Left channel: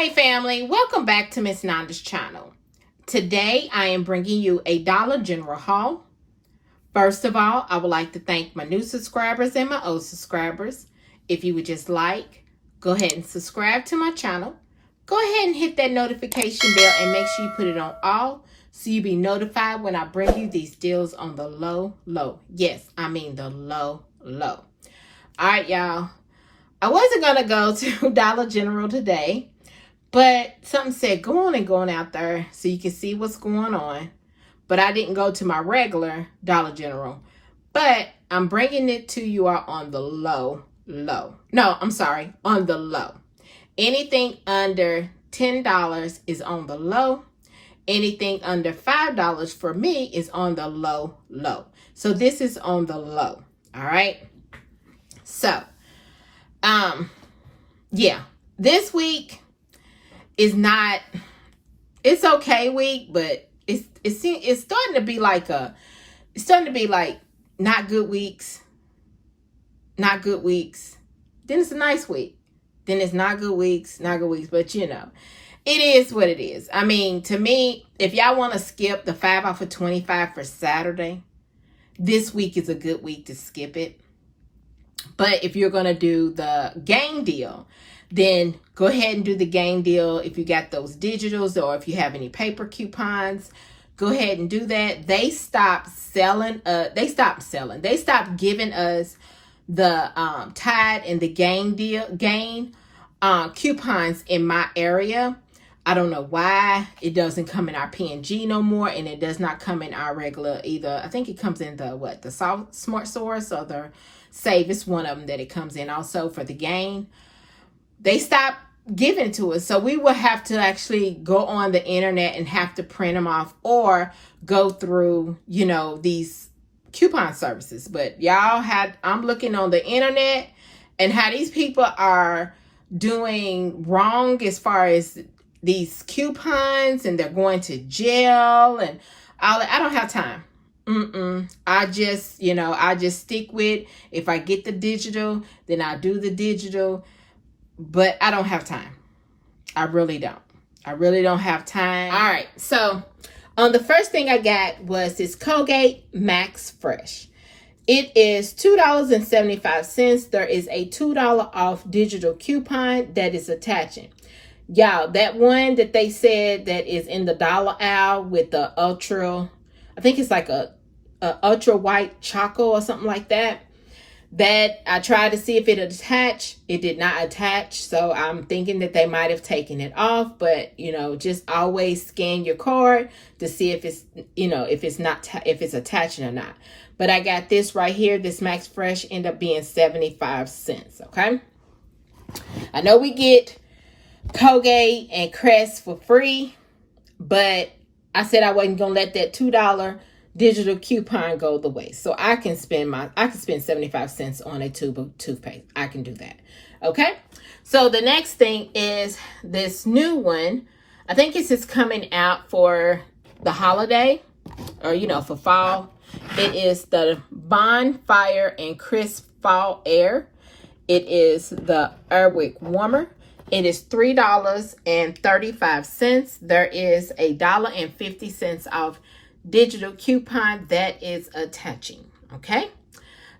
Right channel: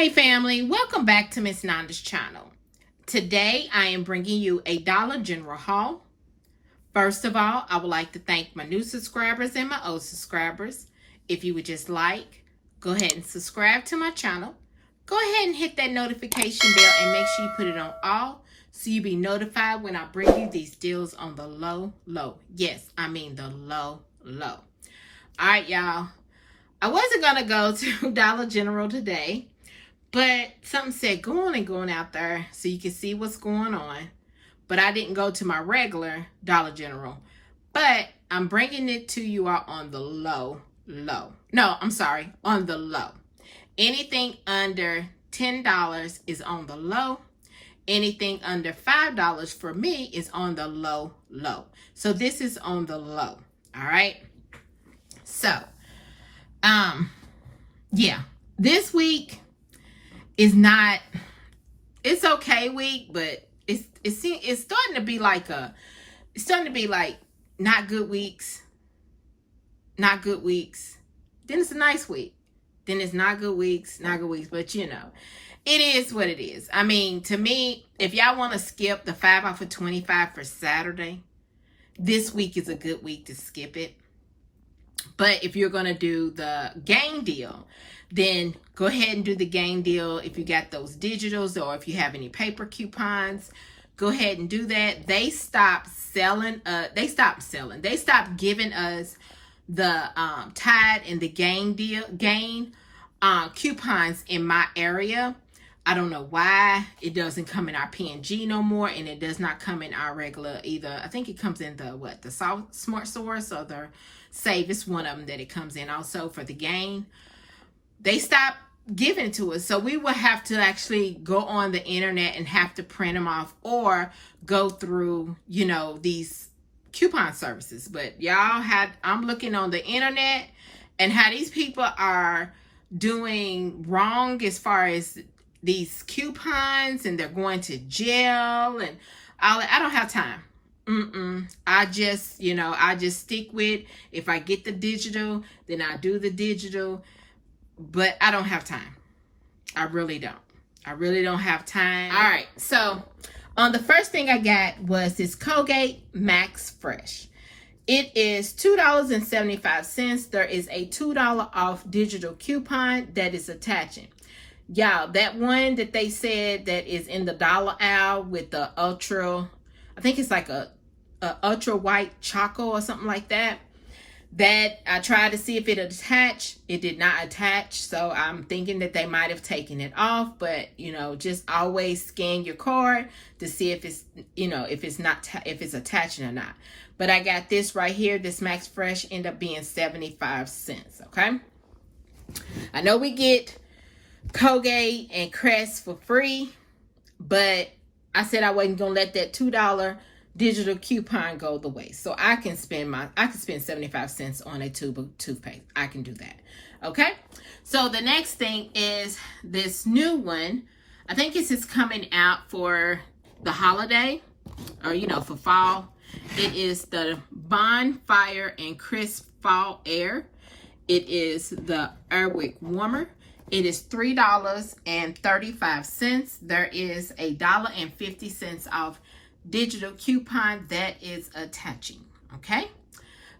Hey family, welcome back to Miss Nanda's channel. Today I am bringing you a Dollar General haul. First of all, I would like to thank my new subscribers and my old subscribers. If you would just like, go ahead and subscribe to my channel. Go ahead and hit that notification bell and make sure you put it on all so you'll be notified when I bring you these deals on the low. Yes, I mean the low. All right, y'all. I wasn't going to go to Dollar General today. But something said, go on out there so you can see what's going on. But I didn't go to my regular Dollar General. But I'm bringing it to you all on the low. No, I'm sorry, on the low. Anything under $10 is on the low. Anything under $5 for me is on the low. So this is on the low. All right. So, yeah, this week is not, it's okay week, but it's starting to be like not good weeks, then it's a nice week, then it's not good weeks, but you know, it is what it is. I mean, to me, if y'all want to skip the 5 off of 25 for Saturday, this week is a good week to skip it. But if you're going to do the game deal, then go ahead and do the game deal. If you got those digitals or if you have any paper coupons, go ahead and do that. They stopped selling. They stopped giving us the Tide and the gain coupons in my area. I don't know why it doesn't come in our P&G no more, and it does not come in our regular either. I think it comes in the Smart Source or the Save. It's one of them that it comes in also for the gain. They stopped giving to us, so we will have to actually go on the internet and have to print them off or go through, you know, these coupon services. But I'm looking on the internet and how these people are doing wrong as far as these coupons, and they're going to jail and all. I don't have time. I just stick with, if I get the digital, then I do the digital. But I don't have time. I really don't have time. All right. So the first thing I got was this Colgate Max Fresh. It is $2.75. There is a $2 off digital coupon that is attaching. Y'all, that one that they said that is in the dollar aisle with the ultra, I think it's like a ultra white choco or something like that. That I tried to see if it attached. It did not attach. So I'm thinking that they might have taken it off. But, you know, just always scan your card to see if it's, you know, if it's attaching or not. But I got this right here. This Max Fresh ended up being 75 cents. Okay. I know we get Colgate and Crest for free, but I said I wasn't going to let that $2 digital coupon go the way. So I can spend 75 cents on a tube of toothpaste. I can do that. Okay. So the next thing is this new one. I think this is coming out for the holiday or, you know, for fall. It is the Bonfire and Crisp Fall Air. It is the Airwick Warmer. It is $3.35. There is $1.50 off digital coupon that is attaching. Okay.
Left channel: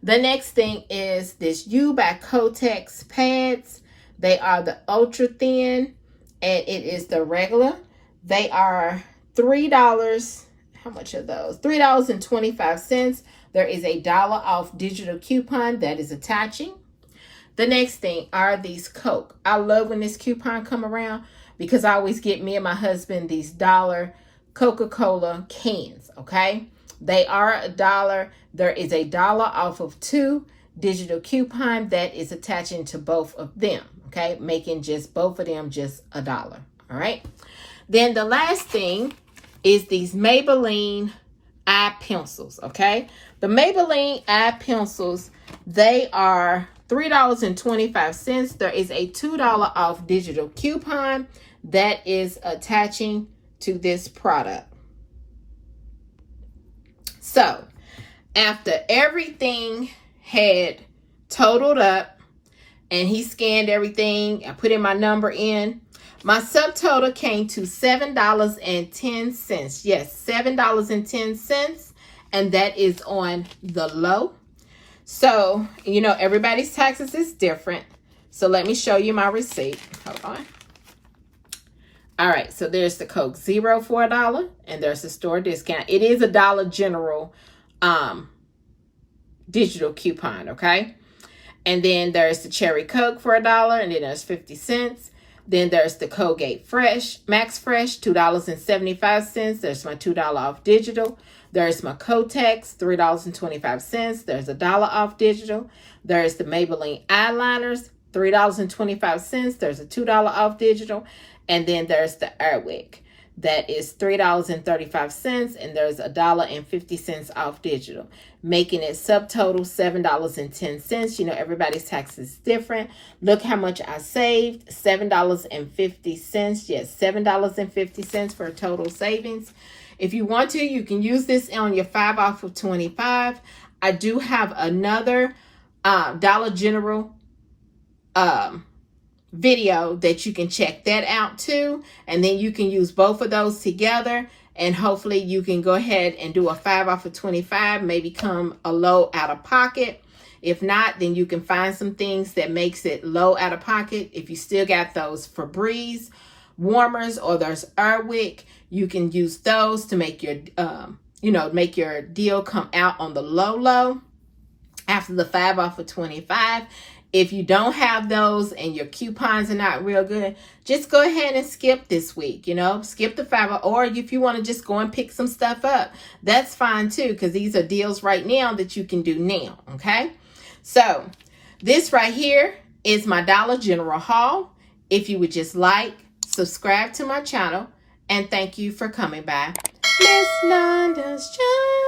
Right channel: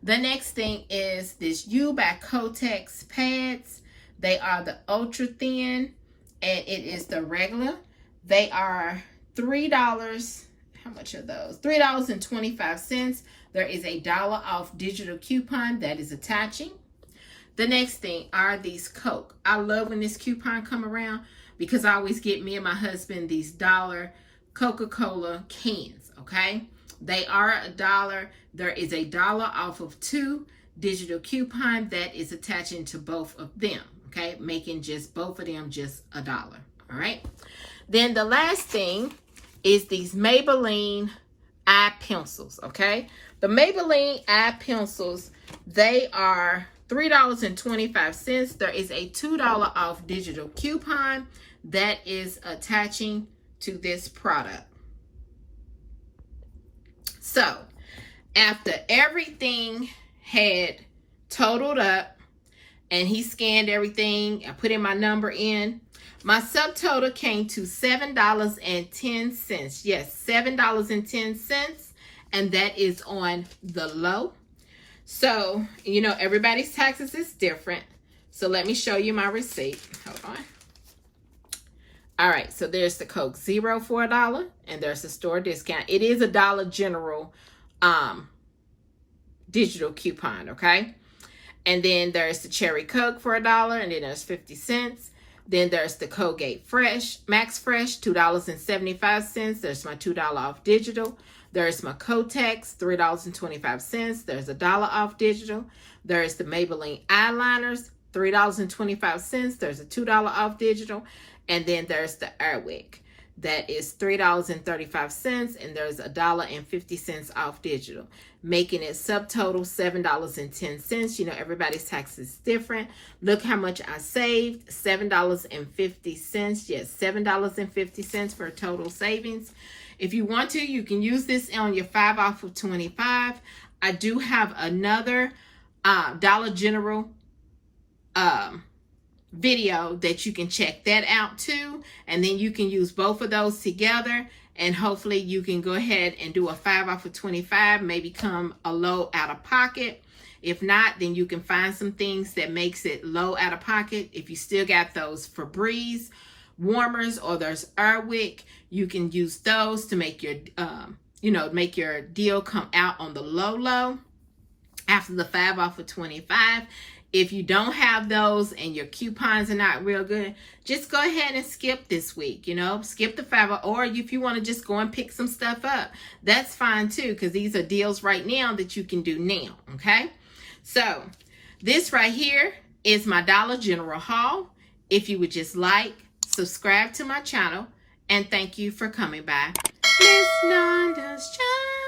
The next thing is this U by Kotex Pads. They are the ultra thin and it is the regular. They are $3. How much are those? $3.25. There is $1 off digital coupon that is attaching. The next thing are these Coke. I love when this coupon come around because I always get me and my husband these dollar Coca-Cola cans. Okay. They are $1. There is $1 off of 2 digital coupon that is attaching to both of them. Okay. Making just both of them just $1. All right. Then the last thing is these Maybelline eye pencils. Okay. The Maybelline eye pencils, they are $3.25. There is a $2 off digital coupon that is attaching to this product. So after everything had totaled up and he scanned everything, I put in my number in, My subtotal came to $7.10. Yes, $7.10. And that is on the low. So, you know, everybody's taxes is different. So let me show you my receipt. Hold on. All right, so there's the Coke Zero for $1, and there's the store discount. It is a Dollar General digital coupon, okay? And then there's the Cherry Coke for $1, and then there's 50 cents. Then there's the Colgate Max Fresh, $2.75. There's my $2 off digital. There's my Kotex, $3.25. There's $1 off digital. There's the Maybelline eyeliners, $3.25. There's a $2 off digital. And then there's the Airwick. That is $3.35, and there's $1.50 off digital, making it subtotal $7.10. You know, everybody's tax is different. Look how much I saved, $7.50. Yes, $7.50 for a total savings. If you want to, you can use this on your 5 off of 25. I do have another Dollar General video that you can check that out too, and then you can use both of those together, and hopefully you can go ahead and do a 5 off of 25, maybe come a low out of pocket. If not, then you can find some things that makes it low out of pocket. If you still got those Febreze warmers or there's Airwick, you can use those to make your make your deal come out on the low after the 5 off of 25. If you don't have those and your coupons are not real good, just go ahead and skip this week, you know, skip the 5. Or if you want to just go and pick some stuff up, that's fine too, because these are deals right now that you can do now, okay? So this right here is my Dollar General haul. If you would just like, subscribe to my channel, and thank you for coming by. Miss Londa's Shine.